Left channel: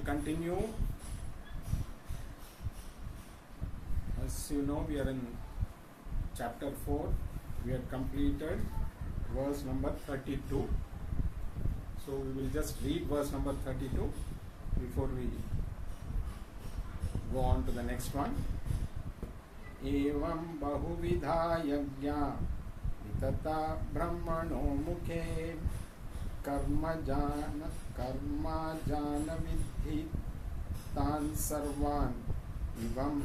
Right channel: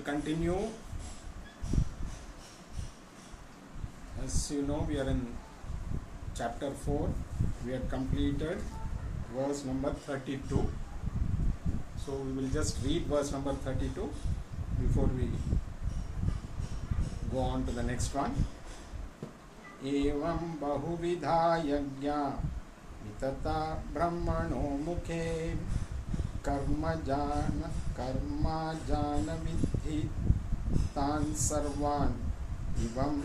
will continue. As you know, we are in chapter 4. We had completed verse number 32. So we will just read verse number 32 before we go on to the next one. Evam bahuvidha yajna vitata brahmano mukhe karma jana vidhi tan sarvan ivam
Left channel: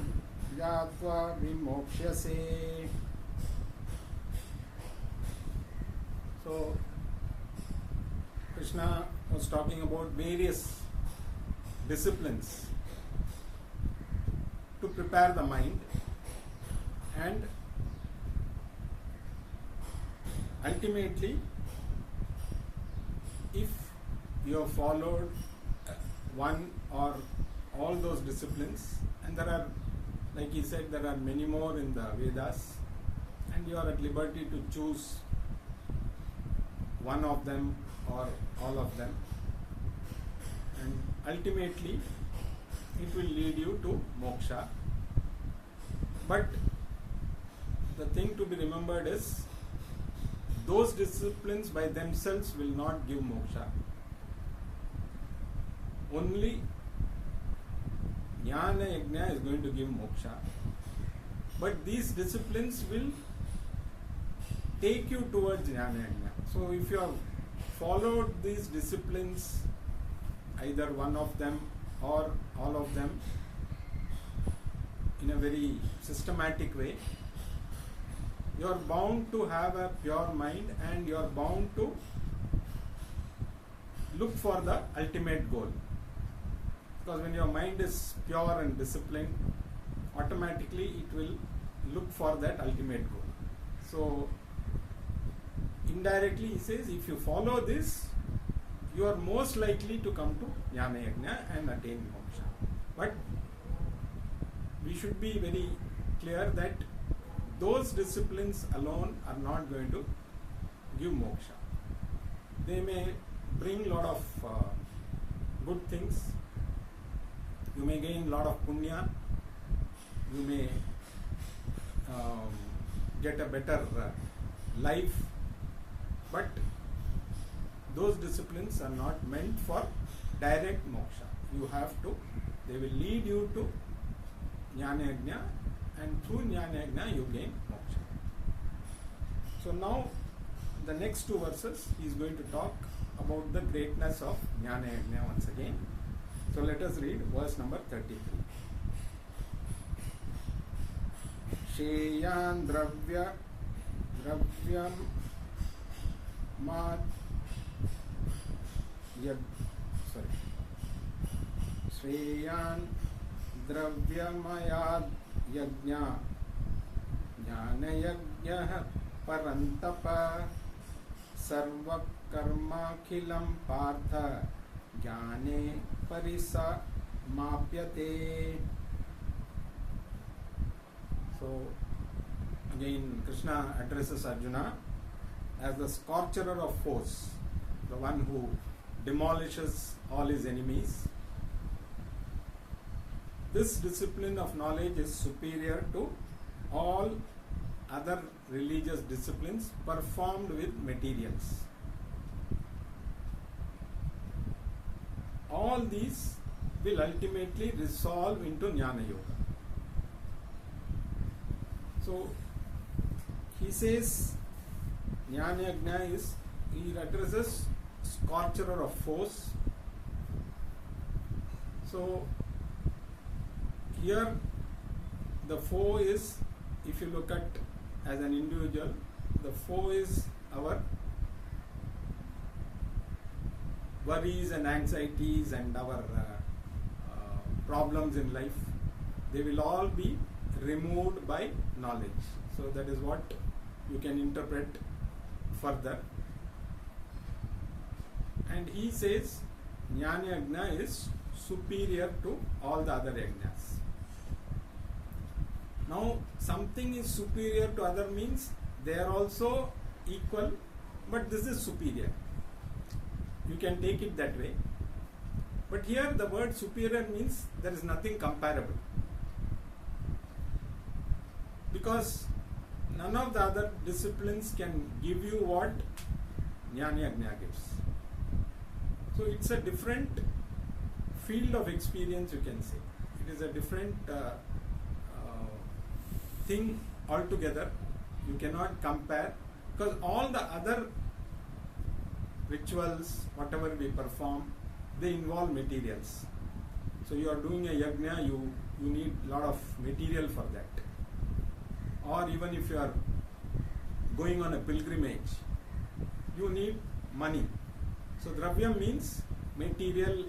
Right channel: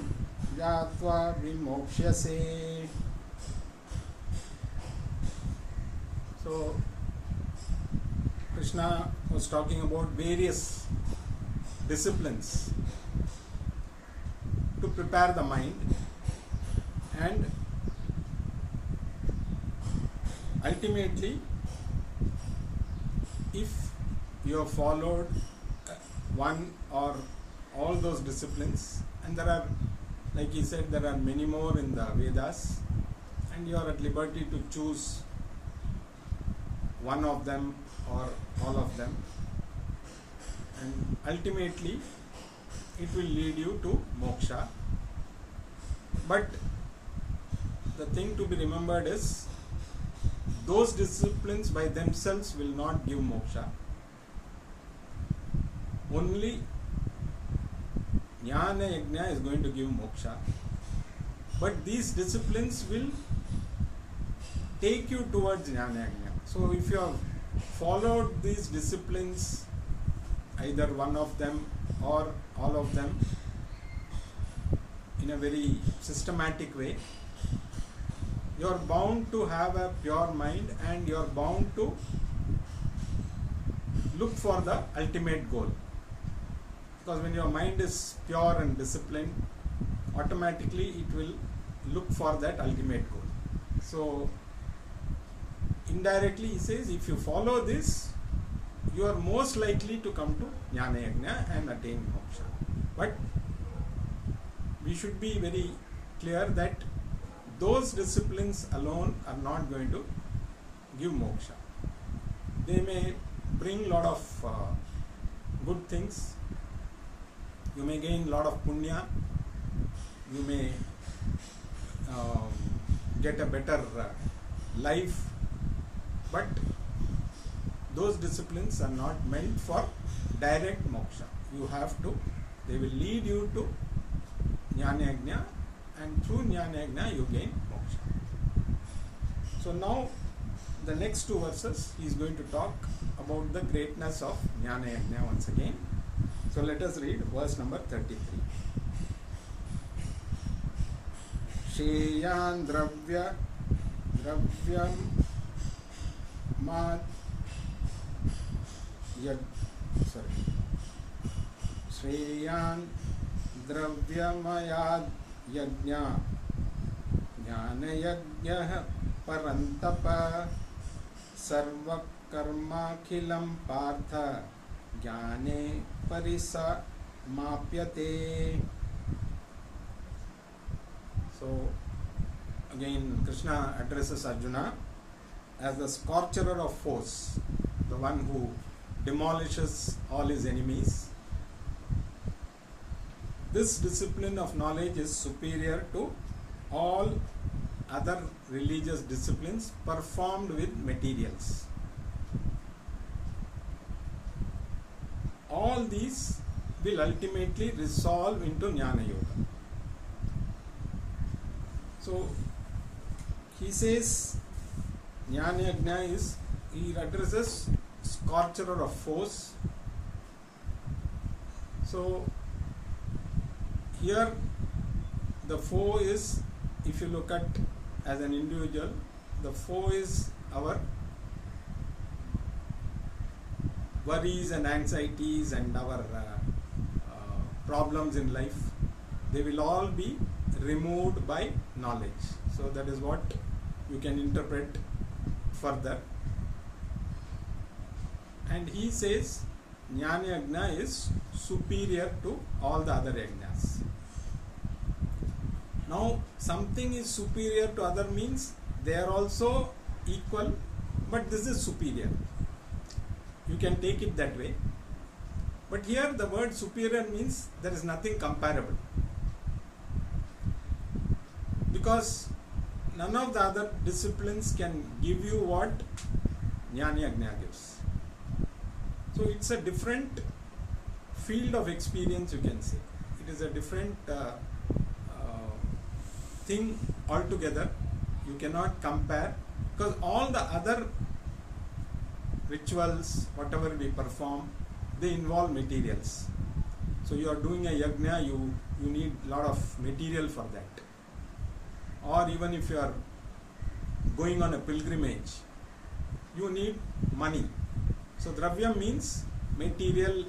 yatva vimokshase. So Krishna was talking about various disciplines to prepare the mind, and ultimately if you have followed one or all those disciplines, and there are, like he said, there are many more in the Vedas, and you are at liberty to choose one of them or all of them, and ultimately it will lead you to moksha. But the thing to be remembered is those disciplines by themselves will not give moksha. Only jnana yajna is going to give moksha, but these disciplines will take you towards jnana yajna. So if you have followed these disciplines, either one of them or all of them, in a very systematic way, you are bound to have a pure mind, and you are bound to look for the ultimate goal. Because when your mind is pure and disciplined, automatically it will look for that ultimate goal. So indirectly he says, if you follow this, you are most likely to come to jnana yajna and attain moksha. But we should be very clear that those disciplines alone are not going to give moksha. They may bring lot of good things. You may gain lot of punya. You may get a better life. But those disciplines are not meant for direct moksha. They will lead you to jnana yajna, and through jnana yajna you gain moksha. So now the next two verses he is going to talk about the greatness of jnana yajna once again. So let us read verse number 33. Sheyan dravyam Shreyan dravyamayad yajna jnana yajna parantapa sarva karma khilam partha jnane parisa mapyate. So again Krishna addresses Arjuna as the scorcher of foes, the one who demolishes all his enemies. This discipline of knowledge is superior to all other religious disciplines performed with materials. All these will ultimately resolve into jnana yoga. So he says jnana yajna is, he addresses scorcher of foes. So here the foe is, if you look at as an individual, the foe is our worries and anxieties and our problems in life. They will all be removed by knowledge. So that is what you can interpret further. And he says jnana yajna is superior to all the other yajnas. Now something is superior to other means they are also equal, but this is superior. You can take it that way. But here the word superior means there is nothing comparable. Because none of the other disciplines can give you what Jnana Yajna gives. So it's a different field of experience, you can say. It is a different thing altogether. You cannot compare, because all the other rituals, whatever we perform, they involve materials. So you are doing a yajna, you need a lot of material for that. Or even if you are going on a pilgrimage, you need money. So dravyam means material,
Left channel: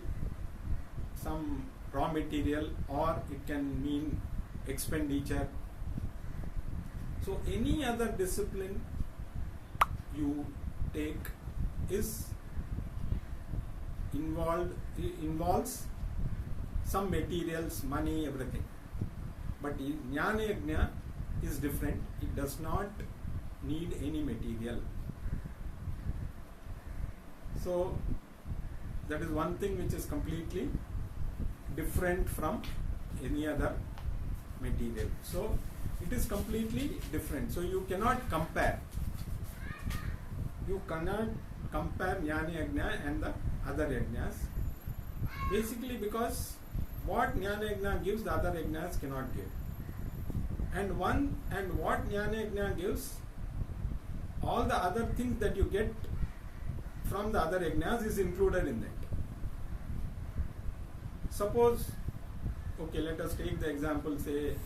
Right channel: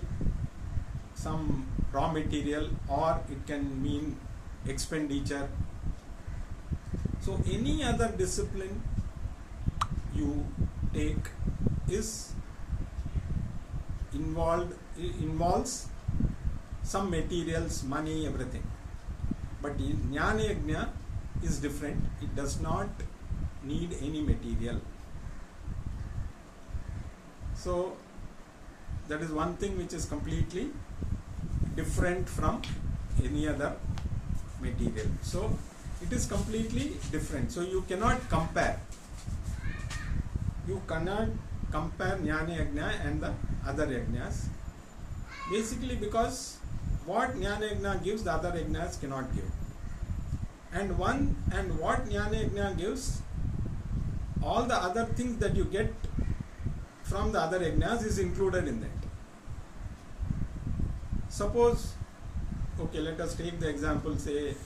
some raw material, or it can mean expenditure. So any other discipline you take involves some materials, money, everything. But Jnana Yajna is different. It does not need any material. So that is one thing which is completely different from any other material. So it is completely different. So you cannot compare. You cannot compare Jnana Yajna and the other yajnas. Basically because what Jnana Yajna gives, the other yajnas cannot give. And what Jnana Yajna gives, all the other things that you get from the other yajnas is included in that. Suppose, okay, let us take the example, say,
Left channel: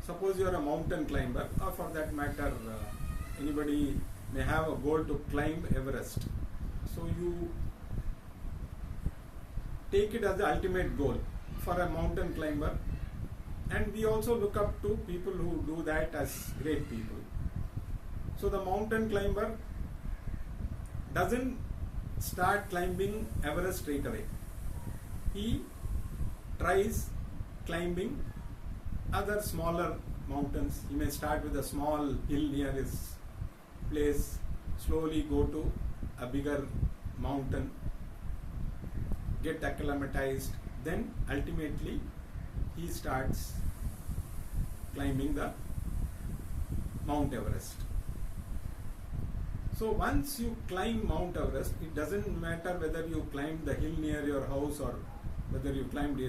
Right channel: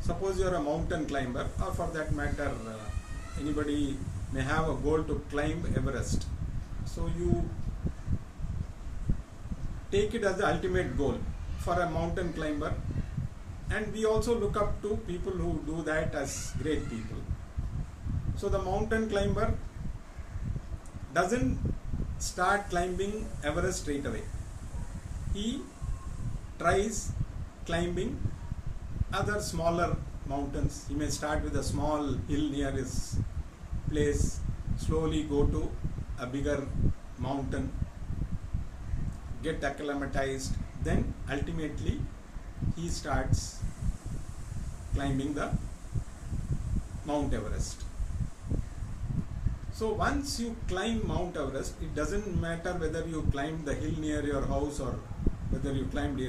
suppose you are a mountain climber, or for that matter, anybody may have a goal to climb Everest. So you take it as the ultimate goal for a mountain climber, and we also look up to people who do that as great people. So the mountain climber doesn't start climbing Everest straight away. He tries climbing other smaller mountains. He may start with a small hill near his place, slowly go to a bigger mountain, get acclimatized, then ultimately he starts climbing the Mount Everest. So once you climb Mount Everest, it doesn't matter whether you climb the hill near your house or whether you climbed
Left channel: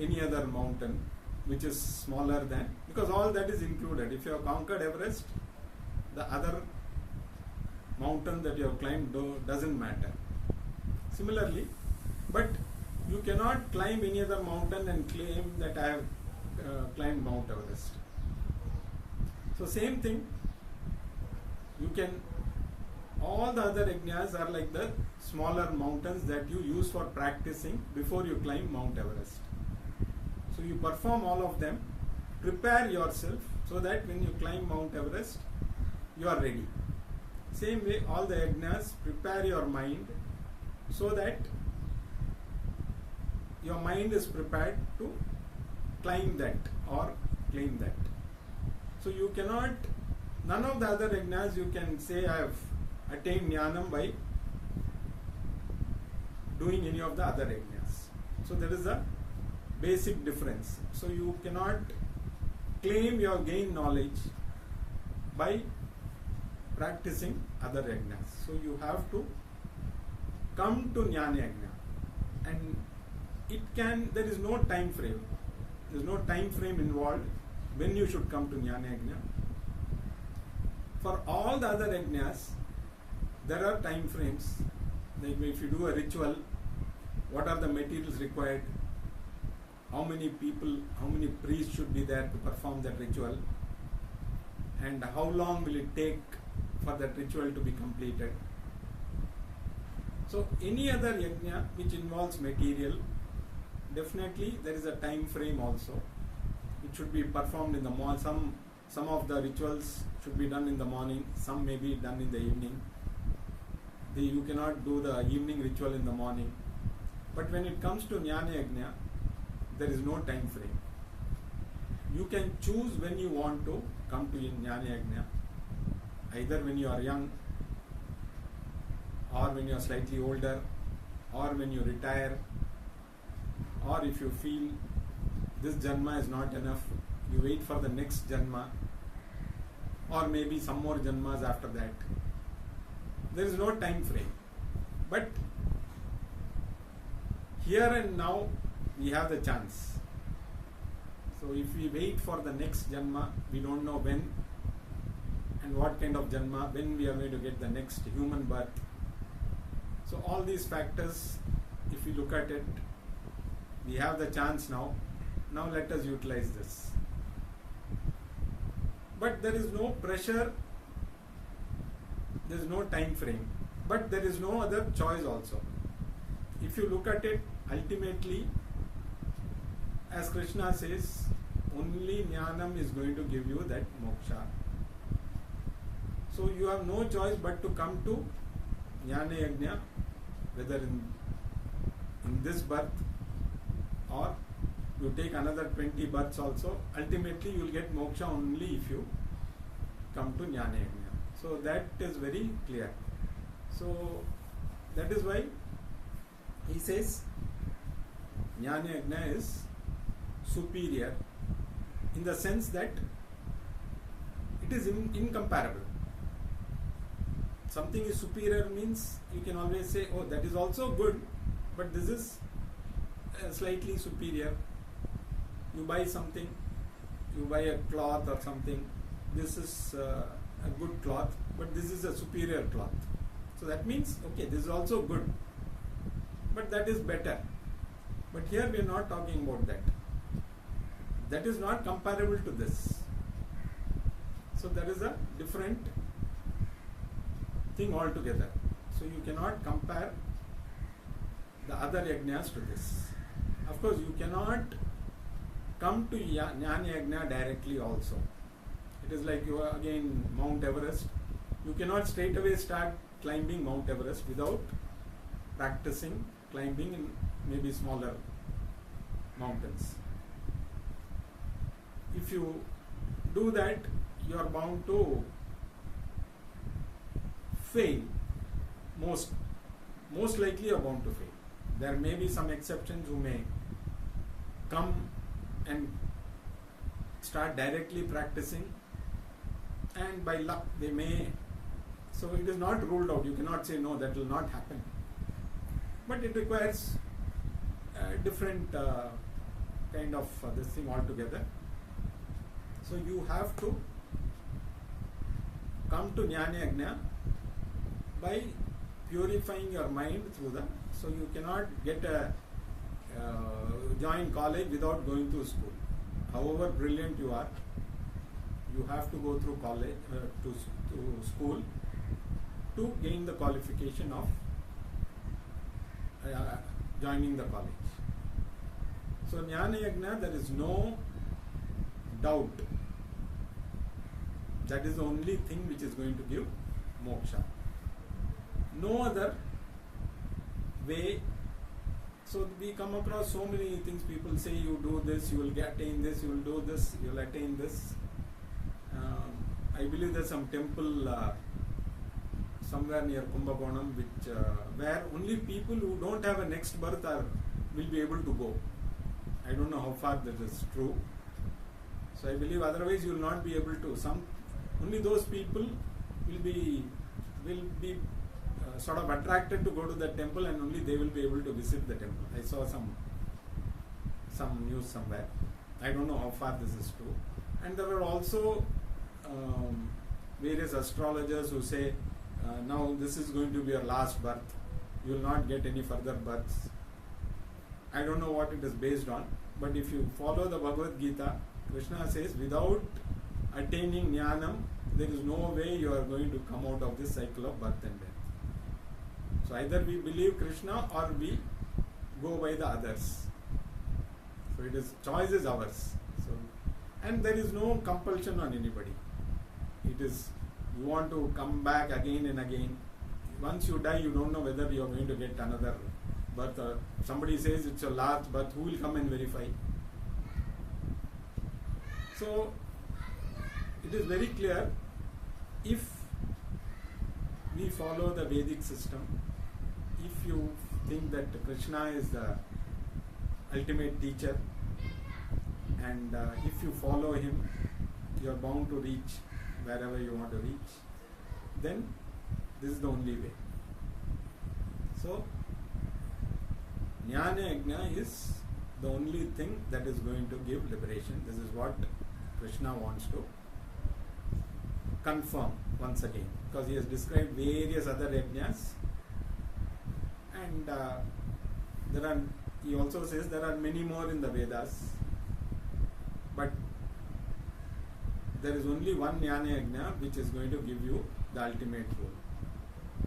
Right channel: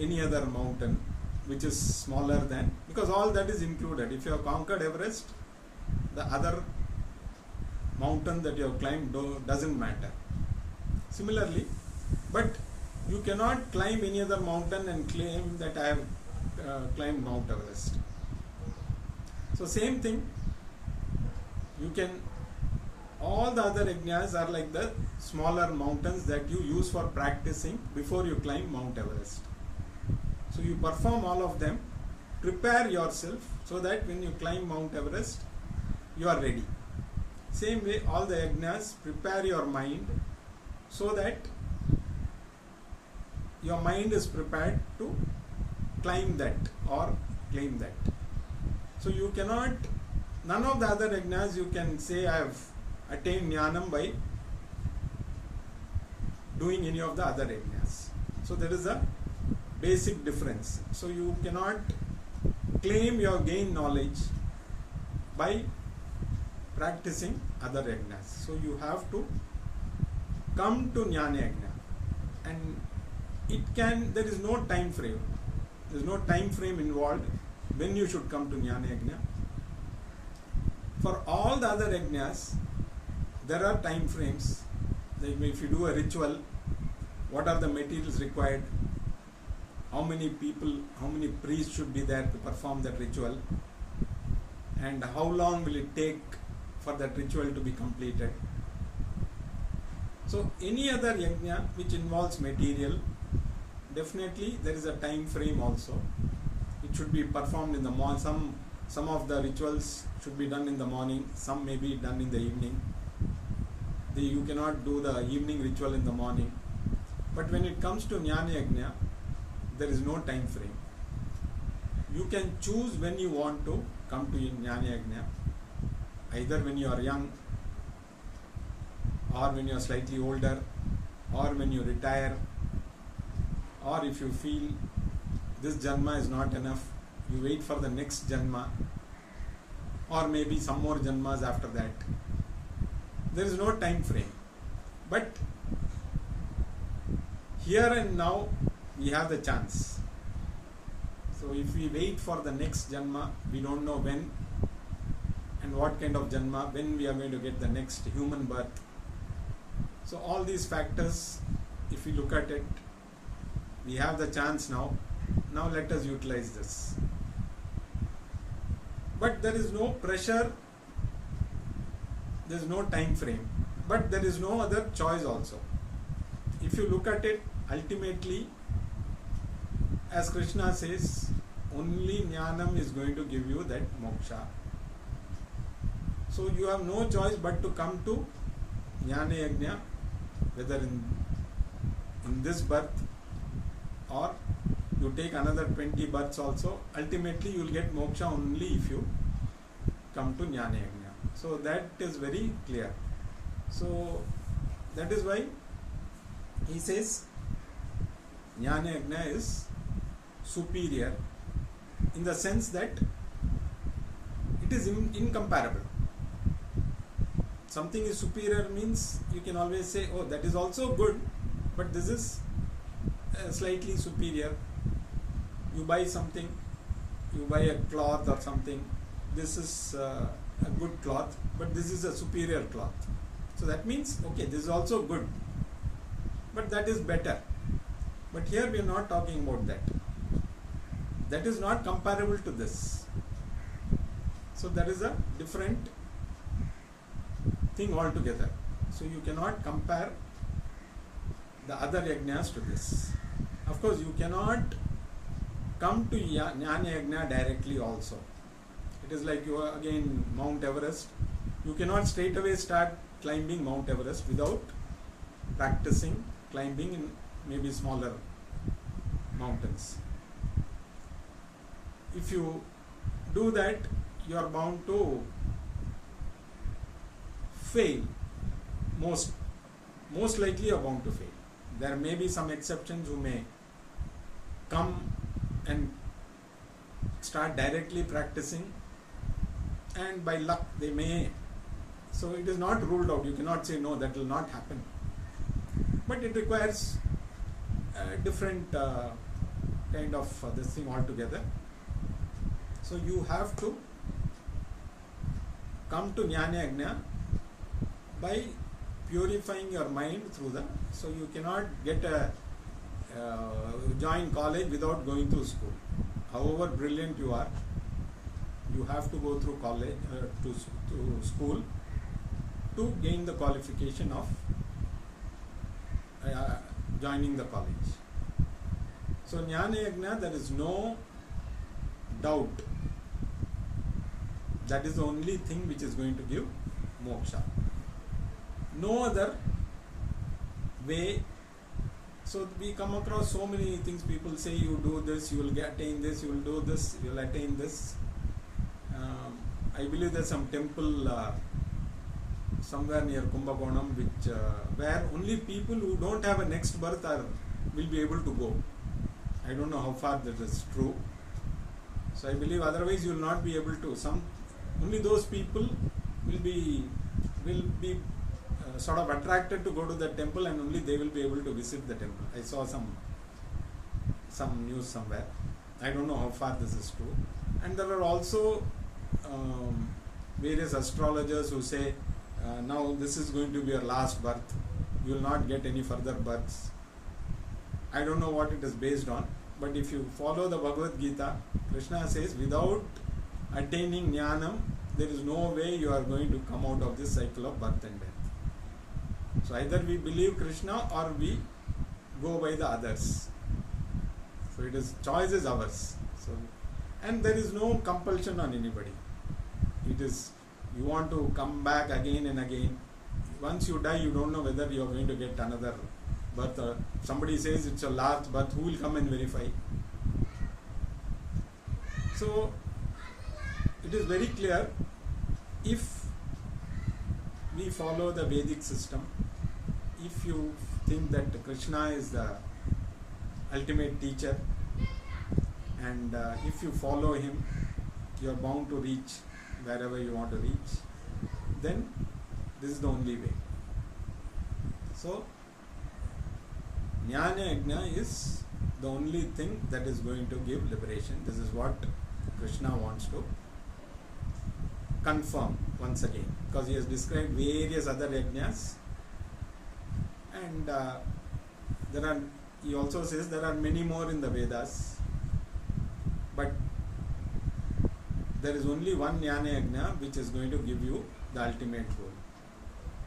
any other mountain which is smaller than, because all that is included. If you have conquered Everest, the other mountain that you have climbed doesn't matter. Similarly, but you cannot climb any other mountain and claim that I have climbed Mount Everest. So same thing, you can, all the other yajnas are like the smaller mountains that you use for practicing before you climb Mount Everest. So you perform all of them, prepare yourself so that when you climb Mount Everest, you are ready. Same way, all the yajnas, prepare your mind so that your mind is prepared to climb that or claim that. So you cannot, none of the other yajnas you can say I have attained jnanam by doing any of the other yajnas. So there is a basic difference. So you cannot claim your gain knowledge by practicing other yajnas. So you have to come to Jnana Yajna, and there is no time frame. There is no time frame involved when you should come to Jnana Yajna. For all the other yajnas, there are time frames. Like if you do a ritual, what are the materials required? How many people, how many priests should be there to perform that ritual? And how long will it take for that ritual to be completed? So any other yajna which involves material, definitely there is a time frame also. It should be performed in the morning. Some of the rituals should be done in the morning, some may be done in the evening. You cannot do the evening ritual in the morning. But when it comes to Jnana Yajna, there is no time frame. You can choose when you want to come to Jnana Yajna, either when you are young or when you are slightly older or when you retire, or if you feel this janma is not enough, you wait for the next janma, or maybe some more janmas after that. There is no time frame. But here and now we have the chance. So if we wait for the next janma, we don't know when and what kind of janma, when we are going to get the next human birth. So all these factors, if we look at it, we have the chance now. Now let us utilize this. But there is no pressure, there is no time frame, but there is no other choice also. If you look at it, ultimately, as Krishna says, only jnanam is going to give you that moksha. So you have no choice but to come to jnana yajna, whether in this birth or you take another 20 births also. Ultimately you will get moksha only if you come to jnana yajna. So that is very clear. So that is why he says jnana yajna is superior, in the sense that it is incomparable. Something is superior means you can always say, oh, that is also good, but this is slightly superior. You buy something, you buy a cloth or something, this is a good cloth, but this is a superior cloth. So that means, okay, this is also good, but that is better. But here we are not talking about that. That is not comparable to this. So that is a different thing altogether. So you cannot compare the other yajnas to this. Of course, you cannot come to jnana yajna directly also. It is like you are again Mount Everest. You cannot straight away start climbing Mount Everest without practicing climbing in maybe smaller mountains. If you do that, you are bound to fail. Most likely you are bound to fail. There may be some exceptions who may come and start directly practicing, and by luck they may. So it is not ruled out. You cannot say no, that will not happen. But it requires a different kind of this thing altogether. So you have to come to jnana yajna by purifying your mind through the. So you cannot get a join college without going through school. However brilliant you are, you have to go through college to school to gain the qualification of joining the college. So jnana yajna, there is no doubt. That is the only thing which is going to give moksha. No other way. So we come across so many things. People say you do this, you will attain this, you will do this, you will attain this. I believe there's some temple somewhere near Kumbakonam which where only people who don't have a next birth will be able to go. I don't know how far that is true. So I believe otherwise you will not be able to. Only those people will be sort of attracted to go to the temple, and only they will be able to visit the temple. I saw some news somewhere. I don't know how far this is true. And there are also various astrologers who say now this is going to be your last birth. You will not get any further births. I don't know what it is based on, but if you follow the Bhagavad Gita, Krishna says without attaining jnanam, there is no way you are going to come out of this cycle of birth and death. So either we believe Krishna or we go by the others. So it is, choice is ours. So, and there is no compulsion on anybody. It is, you want to come back again and again. Once you die, you don't know whether you are going to get another birth, or somebody says it's your last birth, who will come and verify? So it is very clear, if we follow the Vedic system, if you think that Krishna is the ultimate teacher, and if you follow him, you are bound to reach wherever you want to reach, then this is the only way. So, Jnana Yajna is the only thing that is going to give liberation. This is what Krishna wants to confirm once again, because he has described various other yajnas, and he also says there are many more in the Vedas, but there is only one Jnana Yajna which is going to give you the ultimate goal.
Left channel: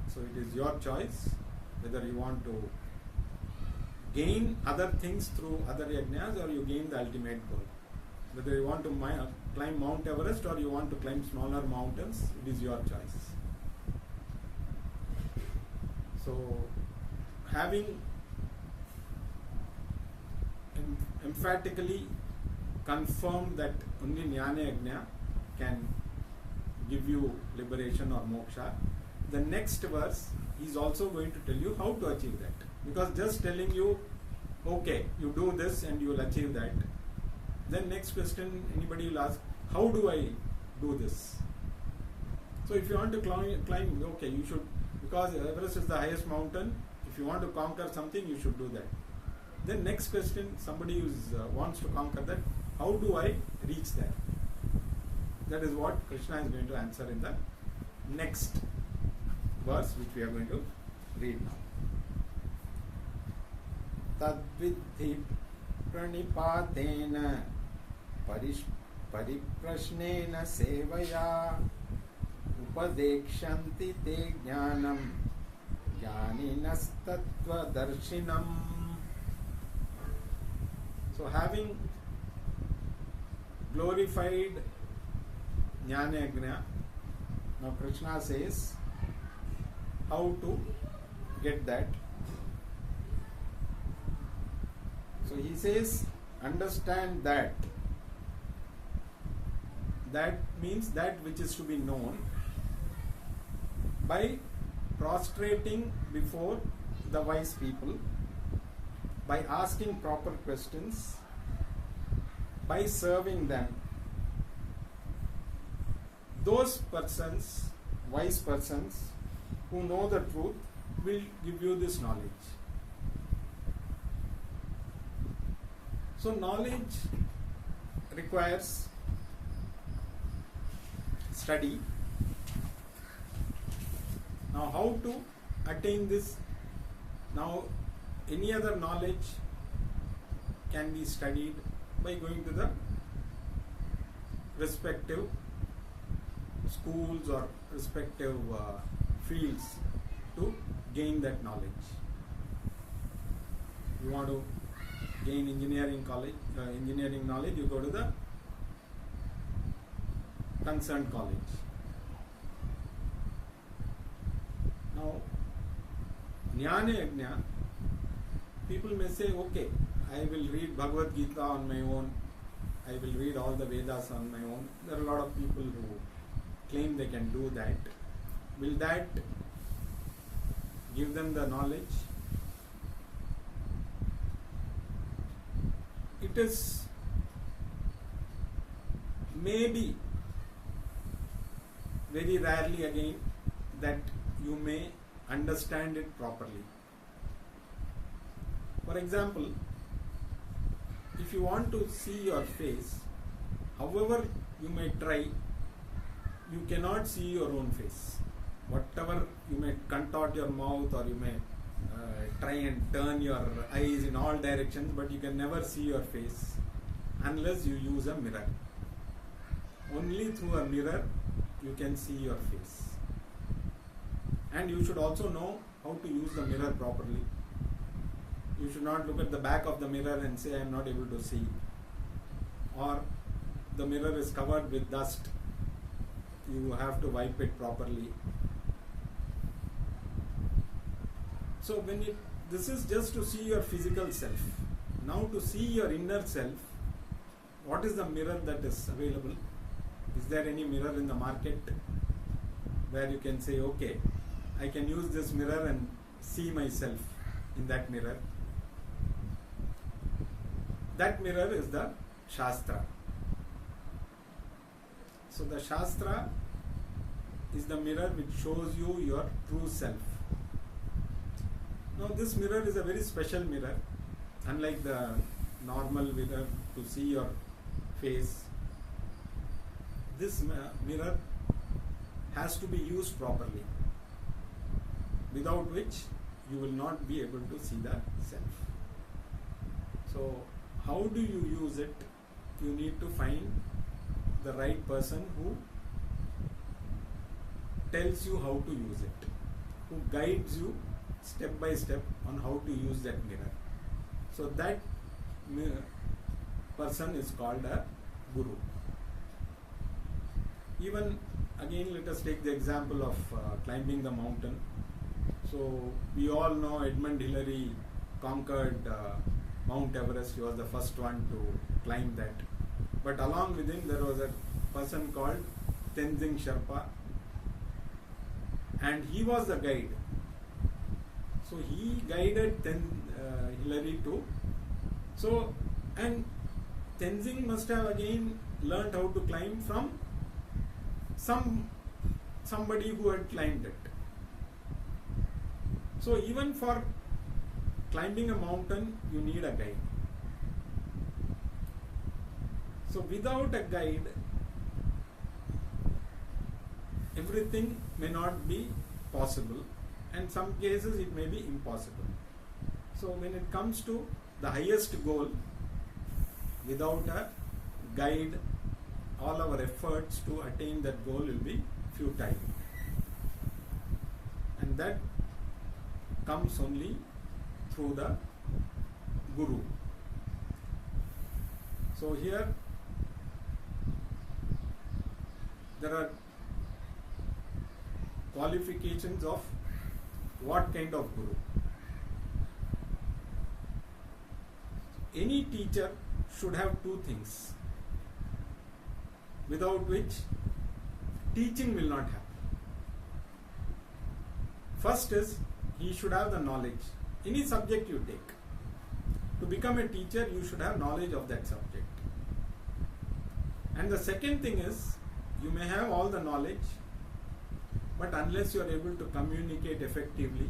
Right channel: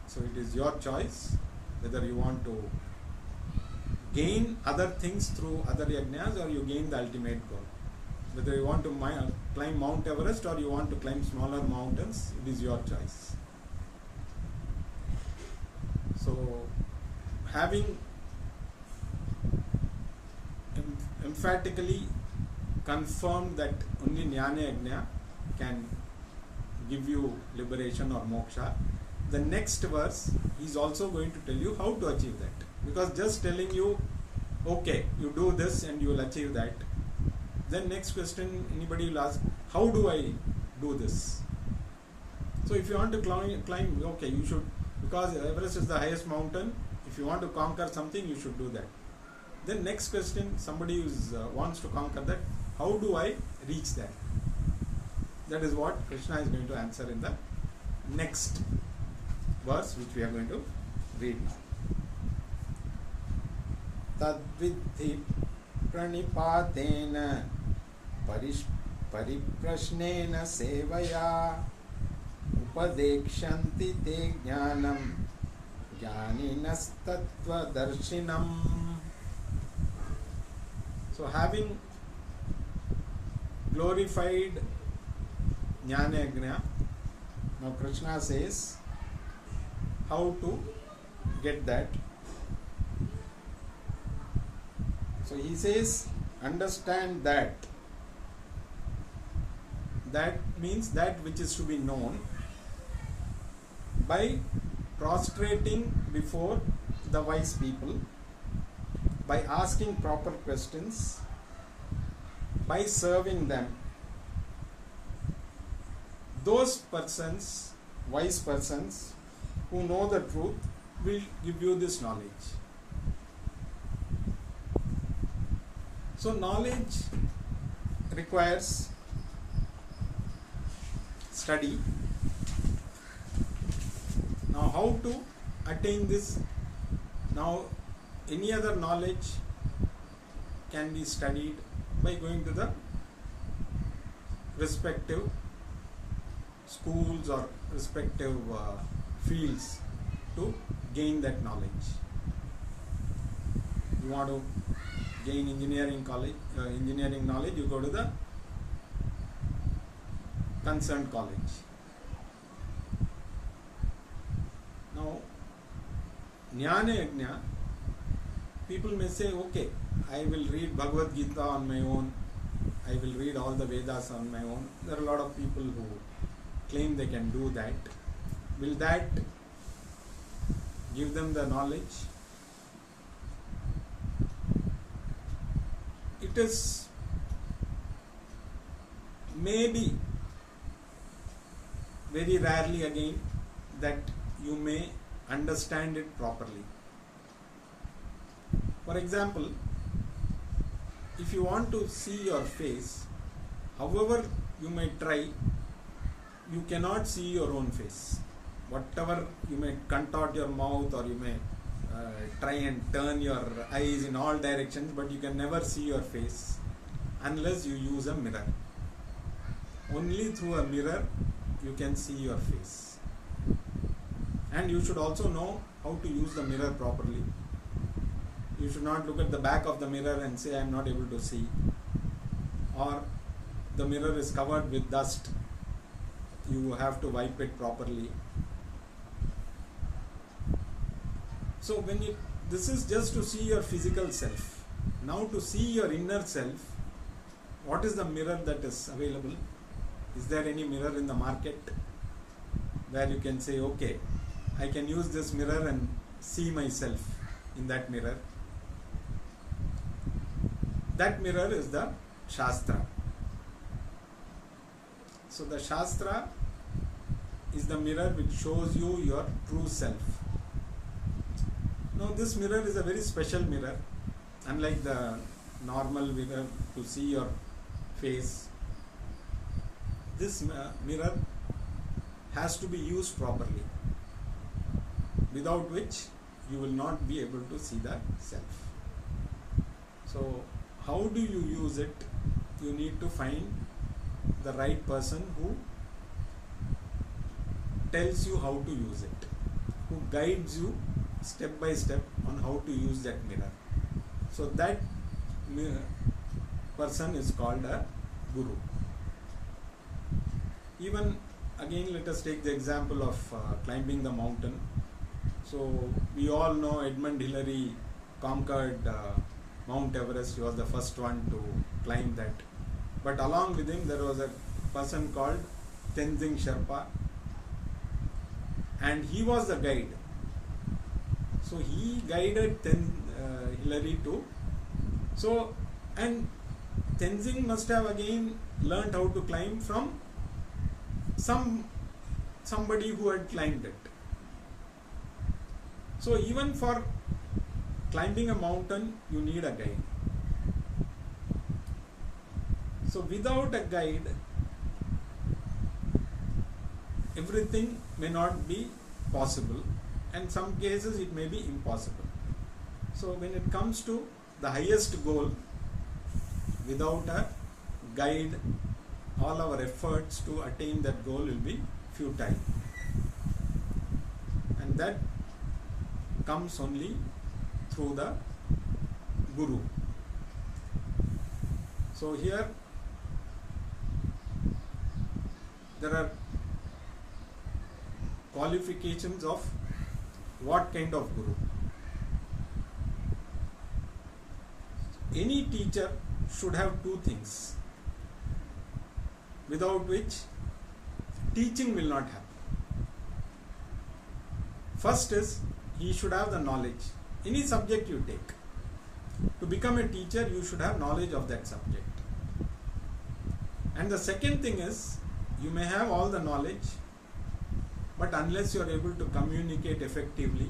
So it is your choice whether you want to gain other things through other yajnas or you gain the ultimate goal. Whether you want to climb Mount Everest or you want to climb smaller mountains, it is your choice. So, having emphatically confirmed that only Jnana Yajna can give you liberation or moksha, the next verse is also going to tell you how to achieve that. Because just telling you, okay, you do this and you will achieve that, then next question anybody will ask, how do I do this? So if you want to climb, okay, you should, because Everest is the highest mountain, if you want to conquer something, you should do that. Then next question, somebody who wants to conquer that, how do I reach there? That is what Krishna is going to answer in the next verse, which we are going to read now. Tadvidhi pranipatena pariprashnena sevaya upadekshanti te jnanam jnaninas tattva darshinam. So having glorified Jnana Yajna, now Krishna says how to get that. So he says, understand that. That means that which is to be known by prostrating before the wise people, by asking proper questions, by serving them. Those persons, wise persons, who know the truth will give you this knowledge. So knowledge requires study. Now how to attain this? Now any other knowledge can be studied by going to the respective schools or respective fields to gain that knowledge. You want to gain engineering knowledge, you go to the concerned college. Now, Jnana Yajna, people may say, okay, I will read Bhagavad Gita on my own, I will read all the Vedas on my own. There are a lot of people who claim they can do that. Will that give them the knowledge? It is maybe very rarely again that you may understand it properly. For example, if you want to see your face, however you may try, you cannot see your own face. Whatever you may contort your mouth or you may try and turn your eyes in all directions, but you can never see your face unless you use a mirror. Only through a mirror you can see your face. And you should also know how to use the mirror properly. You should not look at the back of the mirror and say, I am not able to see. Or the mirror is covered with dust. You have to wipe it properly. So this is just to see your physical self. Now to see your inner self, what is the mirror that is available? Is there any mirror in the market where you can say, okay, I can use this mirror and see myself in that mirror. That mirror is the Shastra. So the Shastra is the mirror which shows you your true self. Now this mirror is a very special mirror, unlike the normal mirror to see your face. This mirror has to be used properly, without which you will not be able to see the self. So how do you use it? You need to find the right person who tells you how to use it, who guides you step by step on how to use that mirror. So that person is called a guru. Even again, let us take the example of climbing the mountain. So we all know Edmund Hillary conquered Mount Everest. He was the first one to climb that. But along with him there was a person called Tenzing Sherpa, and he was the guide. So he guided Hillary to. So, and Tenzing must have again learnt how to climb from somebody who had climbed it. So even for climbing a mountain, you need a guide. So without a guide, everything may not be possible, and some cases it may be impossible. So when it comes to the highest goal, without a guide, all our efforts to attain that goal will be futile. And that comes only through the Guru. So here there are qualifications of what kind of Guru. Any teacher should have two things, without which teaching will not happen. First is, he should have the knowledge. Any subject you take, to become a teacher you should have knowledge of that subject. And the second thing is, you may have all the knowledge, but unless you are able to communicate effectively,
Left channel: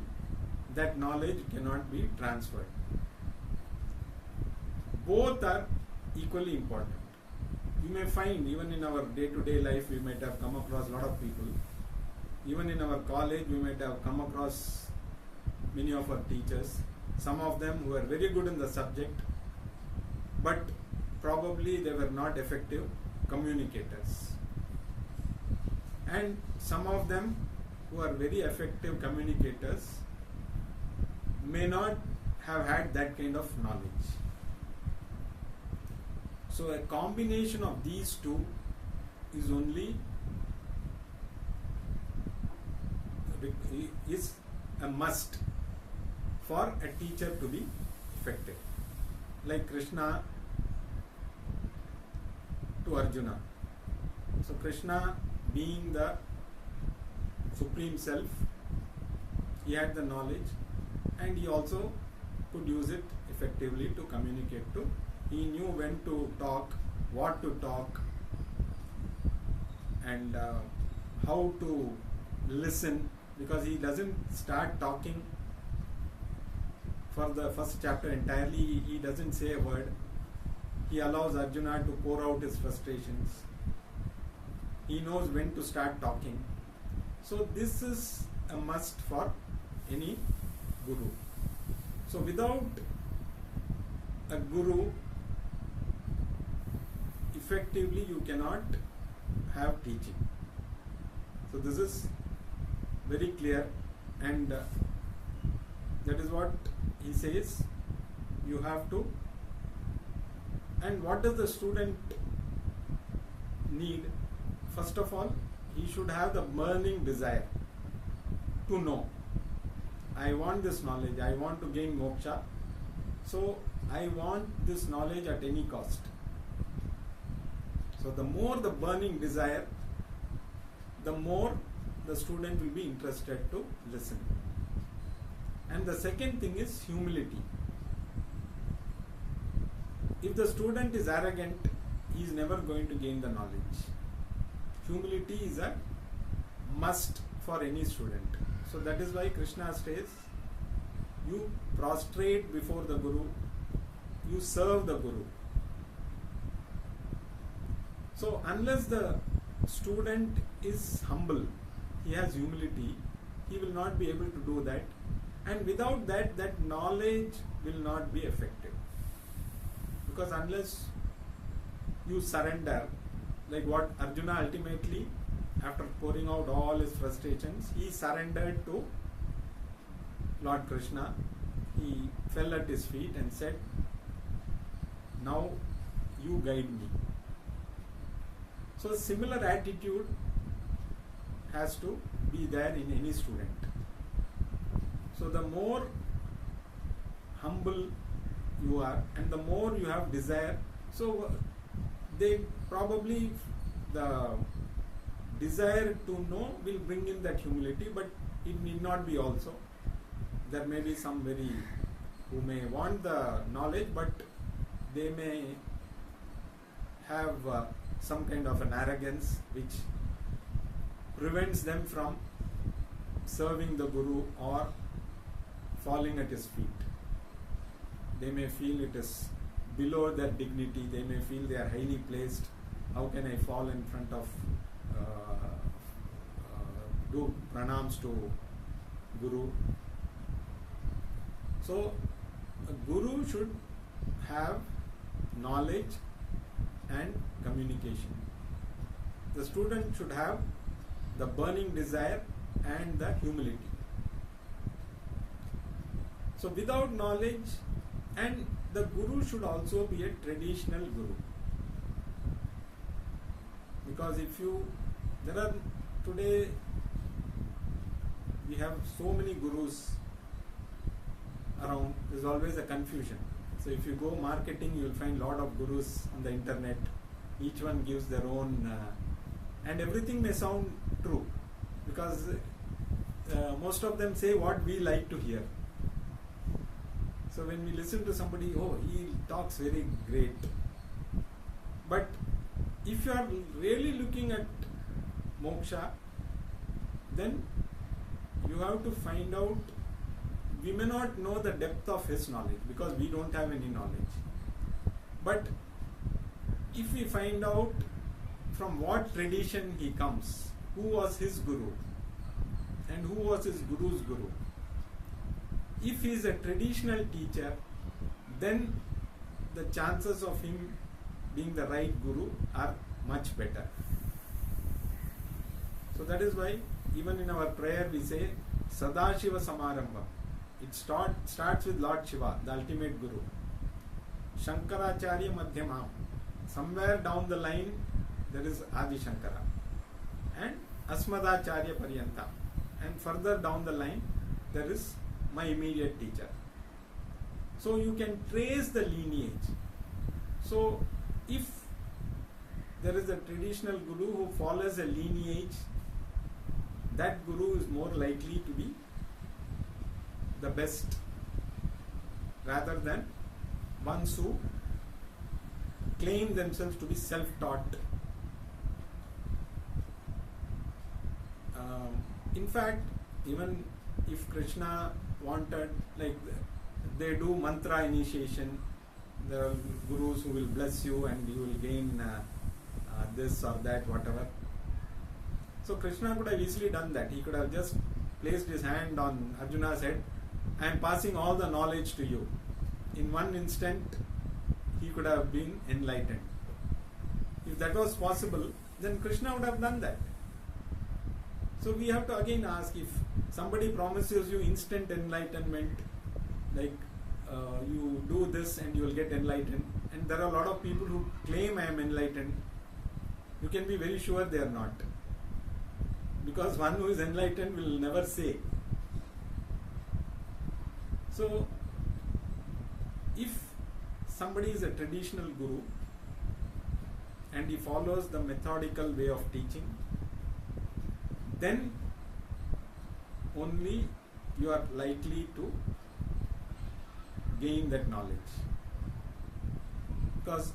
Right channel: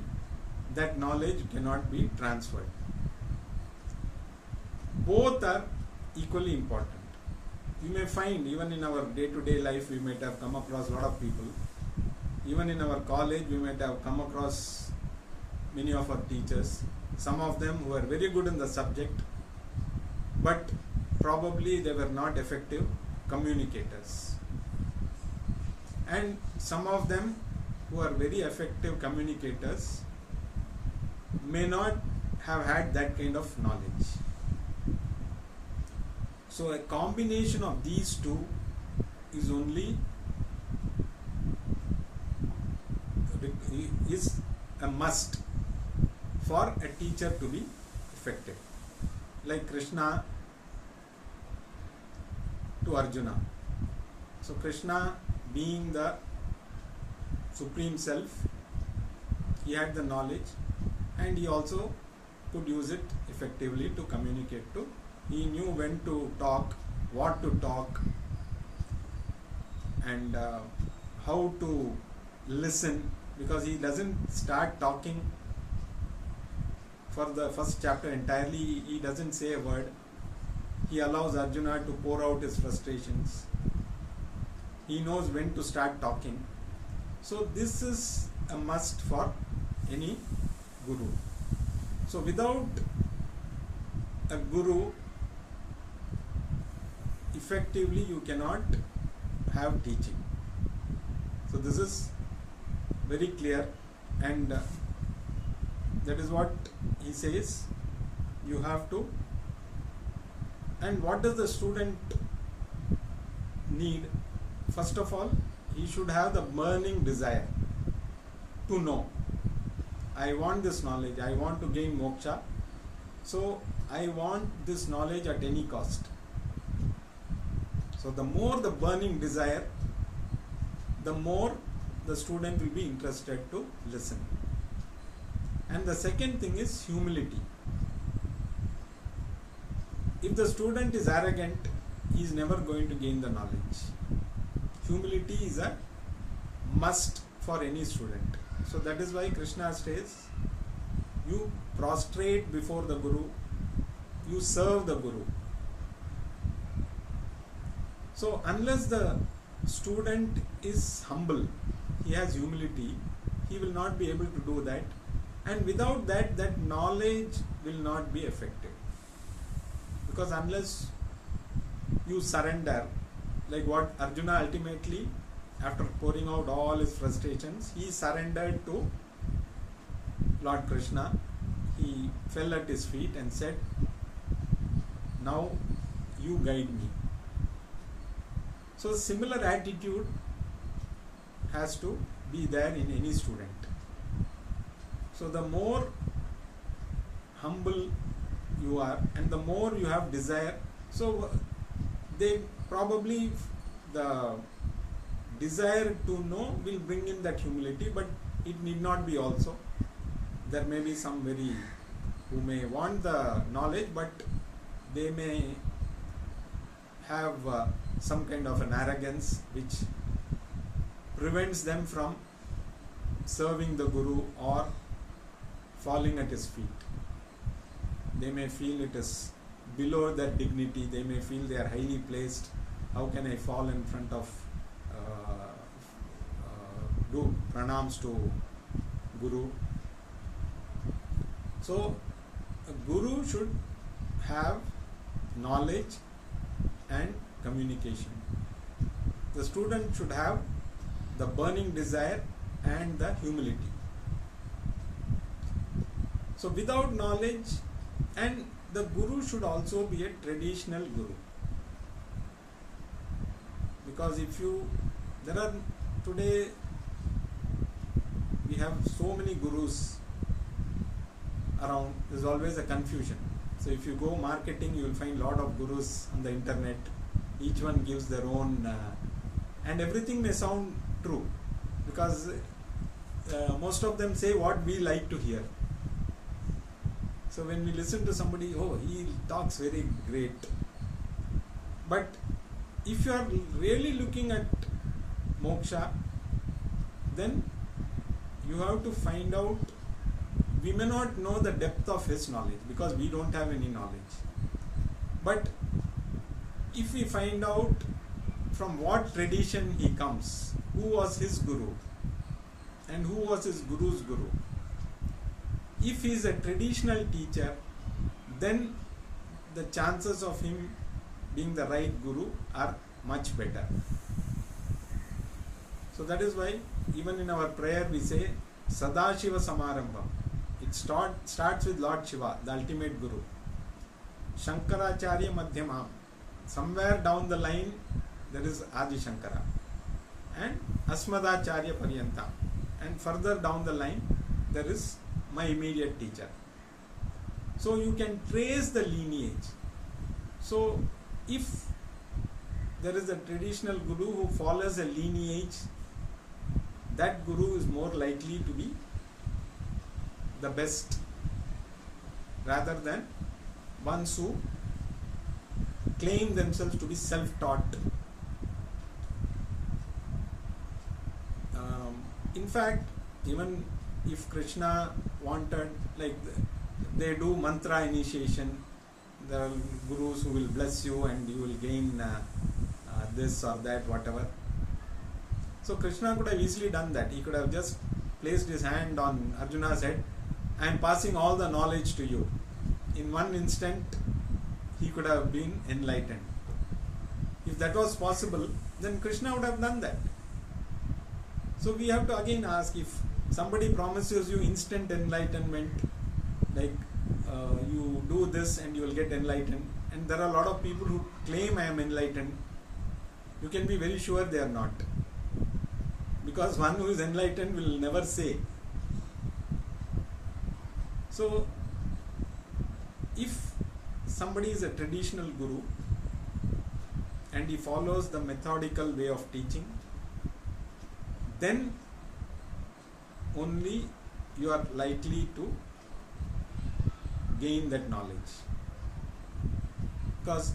that knowledge cannot be transferred. Both are equally important. You may find, even in our day-to-day life, we might have come across a lot of people. Even in our college, we might have come across many of our teachers. Some of them who were very good in the subject, but probably they were not effective communicators. And some of them who are very effective communicators may not have had that kind of knowledge. So a combination of these two is a must for a teacher to be effective. Like Krishna to Arjuna. So Krishna, being the Supreme Self, he had the knowledge and he also could use it effectively to communicate to. He knew when to talk, what to talk, and how to listen, because he doesn't start talking for the first chapter entirely. He doesn't say a word. He allows Arjuna to pour out his frustrations. He knows when to start talking. So this is a must for any guru. So without a guru, effectively you cannot have teaching. So this is very clear, and that is what he says. You have to. And what does the student need? First of all, he should have the burning desire to know. I want this knowledge, I want to gain moksha, so I want this knowledge at any cost. So the more the burning desire, the more the student will be interested to listen. And the second thing is humility. If the student is arrogant, he is never going to gain the knowledge. Humility is a must for any student. So that is why Krishna says, you prostrate before the Guru, you serve the Guru. So unless the student is humble, he has humility, he will not be able to do that. And without that, that knowledge will not be effective. Because unless you surrender, like what Arjuna ultimately, after pouring out all his frustrations, he surrendered to Lord Krishna. He fell at his feet and said, now you guide me. So similar attitude has to be there in any student. So the more humble you are and the more you have desire, so they probably, the desire to know will bring in that humility, but it need not be also. There may be some who may want the knowledge, but they may have some kind of an arrogance which prevents them from serving the Guru or falling at his feet. They may feel it is below their dignity, they may feel they are highly placed. How can I fall in front of, do pranams to Guru? So a Guru should have knowledge and communication. The student should have the burning desire and the humility. So without knowledge, and the Guru should also be a traditional Guru. Because today we have so many Gurus around, there's always a confusion. So if you go marketing, you will find a lot of Gurus on the internet. Each one gives their own, and everything may sound true, because most of them say what we like to hear. So when we listen to somebody, oh, he talks very great. But if you are really looking at moksha, then you have to find out, we may not know the depth of his knowledge because we don't have any knowledge. But if we find out from what tradition he comes, who was his Guru and who was his Guru's Guru. If he is a traditional teacher, then the chances of him being the right Guru are much better. So that is why even in our prayer we say Sadashiva Samarambham. It starts with Lord Shiva, the ultimate Guru. Shankaracharya Madhyamam. Somewhere down the line there is Adi Shankara. And Asmadacharya Paryantam. And further down the line there is my immediate teacher. So you can trace the lineage. So if there is a traditional Guru who follows a lineage, that Guru is more likely to be the best, rather than ones who claim themselves to be self-taught. In fact, even if Krishna wanted, like they do mantra initiation, there are Gurus who will bless you and you will gain this or that, whatever. So Krishna could have easily done that. He could have just placed his hand on Arjuna's head, I am passing all the knowledge to you. In one instant, he could have been enlightened. If that was possible, then Krishna would have done that. So we have to again ask, if somebody promises you instant enlightenment, like you do this and you will get enlightened, and there are a lot of people who claim I am enlightened, you can be very sure they are not. Because one who is enlightened will never say. So, if somebody is a traditional Guru and he follows the methodical way of teaching, then only you are likely to gain that knowledge. Because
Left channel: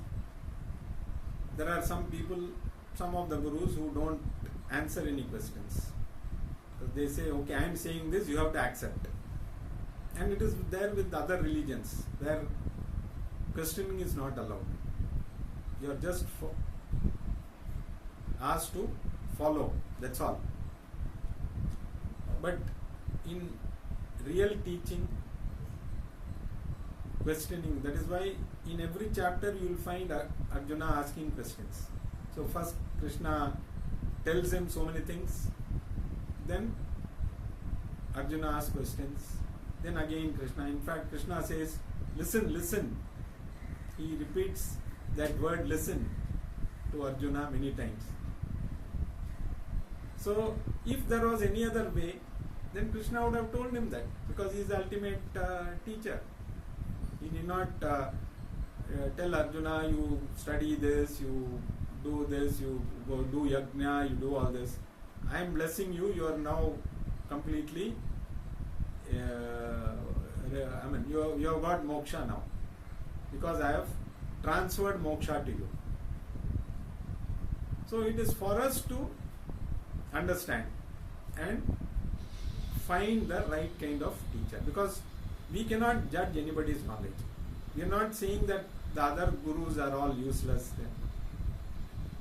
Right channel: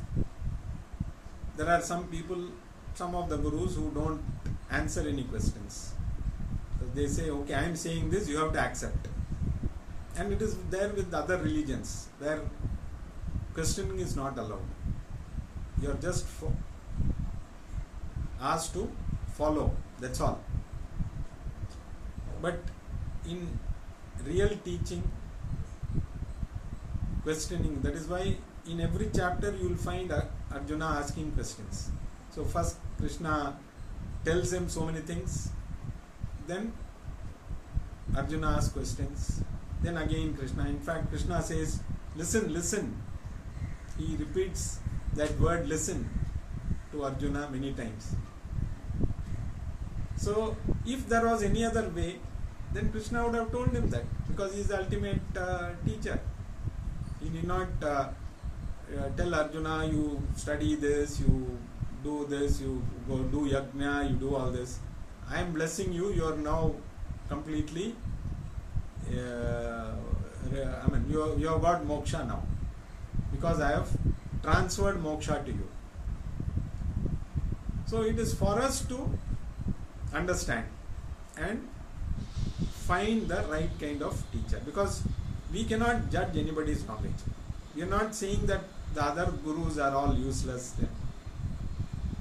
there are some people, some of the gurus who don't answer any questions. Because they say, okay, I am saying this, you have to accept. And it is there with other religions where questioning is not allowed. You are just asked to follow, that's all. But in real teaching, questioning, that is why in every chapter you will find Arjuna asking questions. So first Krishna tells him so many things, then Arjuna asks questions, then again Krishna. In fact, Krishna says, listen, listen. He repeats that word listen to Arjuna many times. So if there was any other way, then Krishna would have told him that, because he is the ultimate teacher. He did not tell Arjuna, you study this, you do this, you go do yajna, you do all this. I am blessing you, you are now completely, you have got moksha now, because I have transferred moksha to you. So it is for us to understand and find the right kind of teacher, because we cannot judge anybody's knowledge. We are not saying that the other gurus are all useless.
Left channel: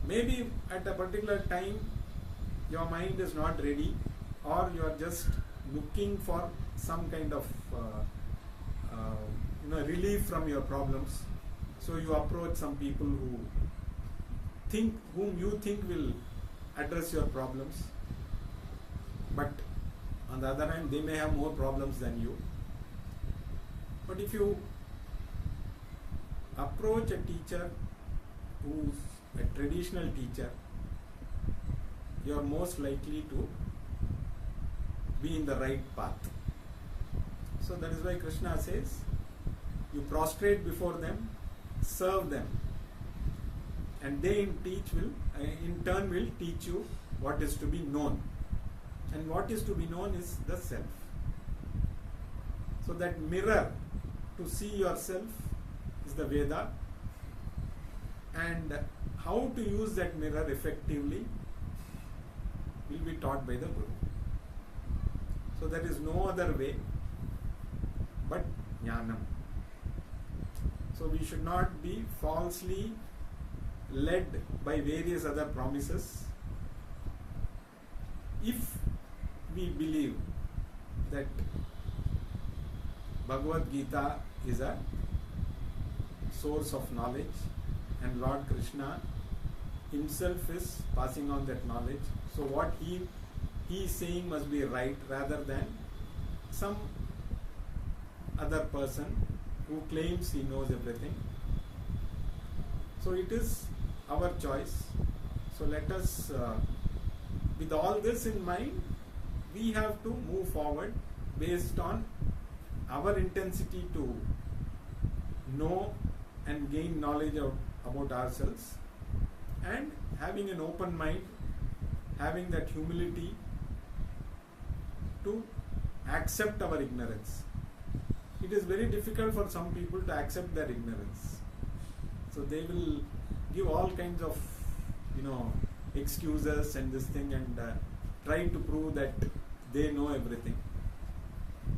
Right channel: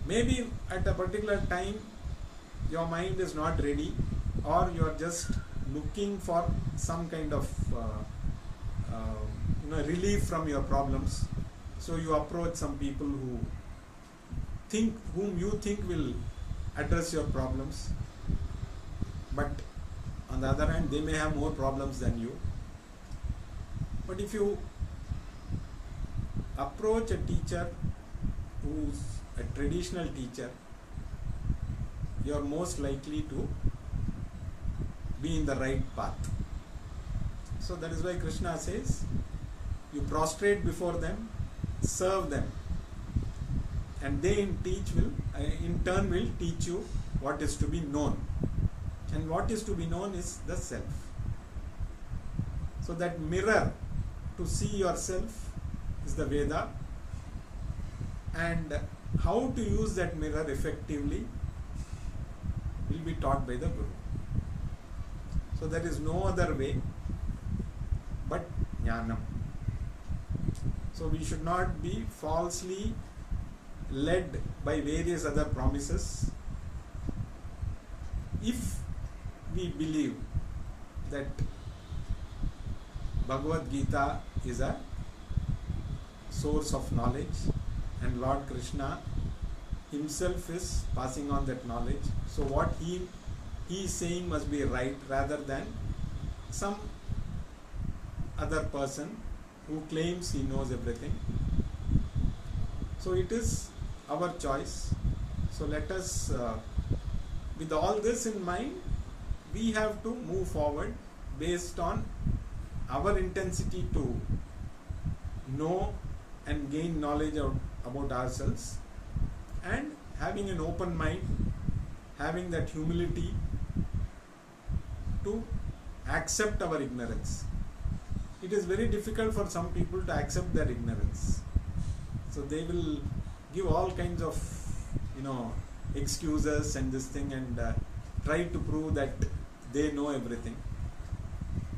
Maybe at a particular time your mind is not ready, or you are just looking for some kind of relief from your problems. So you approach some people whom you think will address your problems, but on the other hand they may have more problems than you. But if you approach a teacher who's a traditional teacher, you are most likely to be in the right path. So that is why Krishna says, you prostrate before them, serve them, and they in turn will teach you what is to be known. And what is to be known is the self. So that mirror to see yourself is the Veda, and how to use that mirror effectively will be taught by the Guru. So there is no other way but Jnanam. So we should not be falsely led by various other promises. If we believe that Bhagavad Gita is a source of knowledge and Lord Krishna himself is passing on that knowledge, so what he is saying must be right, rather than some other person who claims he knows everything. So it is our choice. So let us, with all this in mind, we have to move forward based on our intensity to know and gain knowledge about ourselves, and having an open mind, having that humility to accept our ignorance. It is very difficult for some people to accept their ignorance. So they will give all kinds of excuses and this thing, and try to prove that they know everything.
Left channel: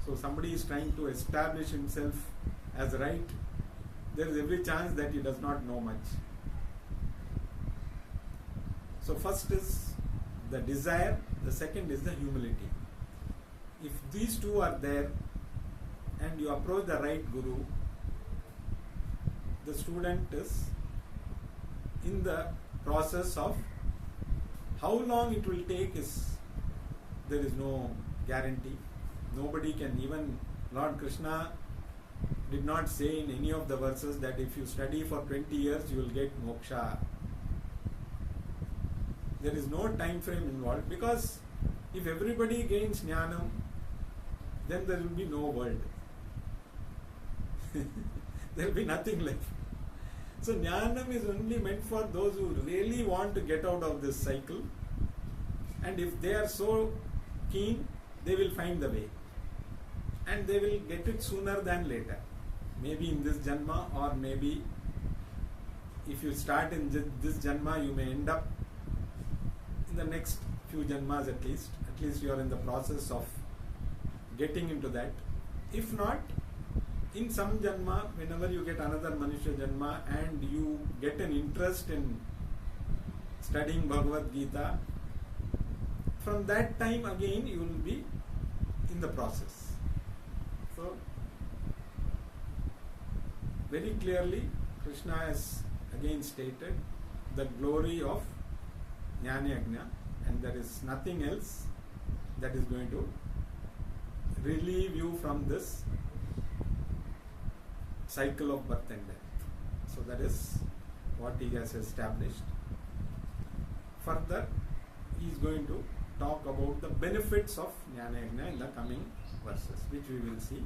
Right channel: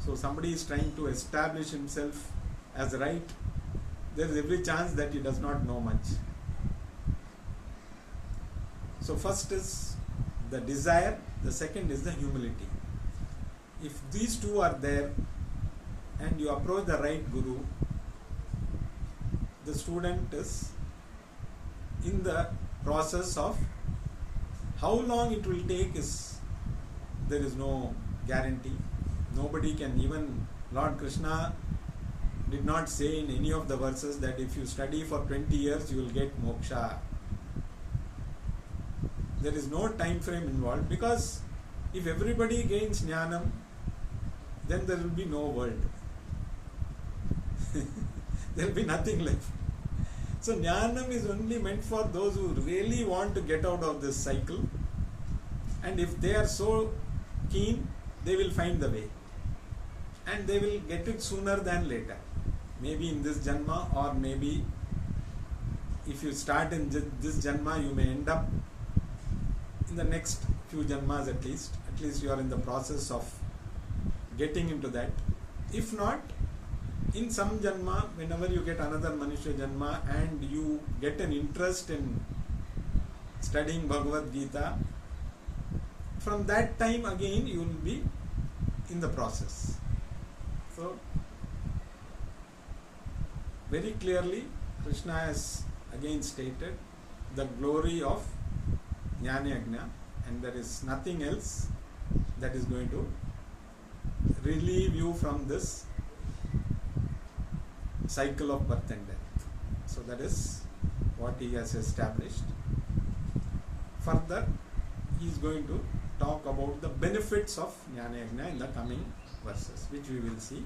So somebody is trying to establish himself as right. There is every chance that he does not know much. So first is the desire, the second is the humility. If these two are there and you approach the right guru, the student is in the process of how long it will take there is no guarantee. Nobody can, even Lord Krishna did not say in any of the verses that if you study for 20 years you will get moksha. There is no time frame involved, because if everybody gains jnanam, then there will be no world. There will be nothing left. So jnanam is only meant for those who really want to get out of this cycle, and if they are so keen, they will find the way. and they will get it sooner than later. Maybe in this Janma, or maybe if you start in this Janma, you may end up in the next few Janmas at least. At least you are in the process of getting into that. If not, in some Janma, whenever you get another Manushya Janma and you get an interest in studying Bhagavad Gita, from that time again you will be in the process. So, very clearly Krishna has again stated the glory of Jnana Yajna, and there is nothing else that is going to relieve you from this cycle of birth and death. So that is what he has established. Further, he is going to talk about the benefits of Jnana Yajna in the coming verses, which we will see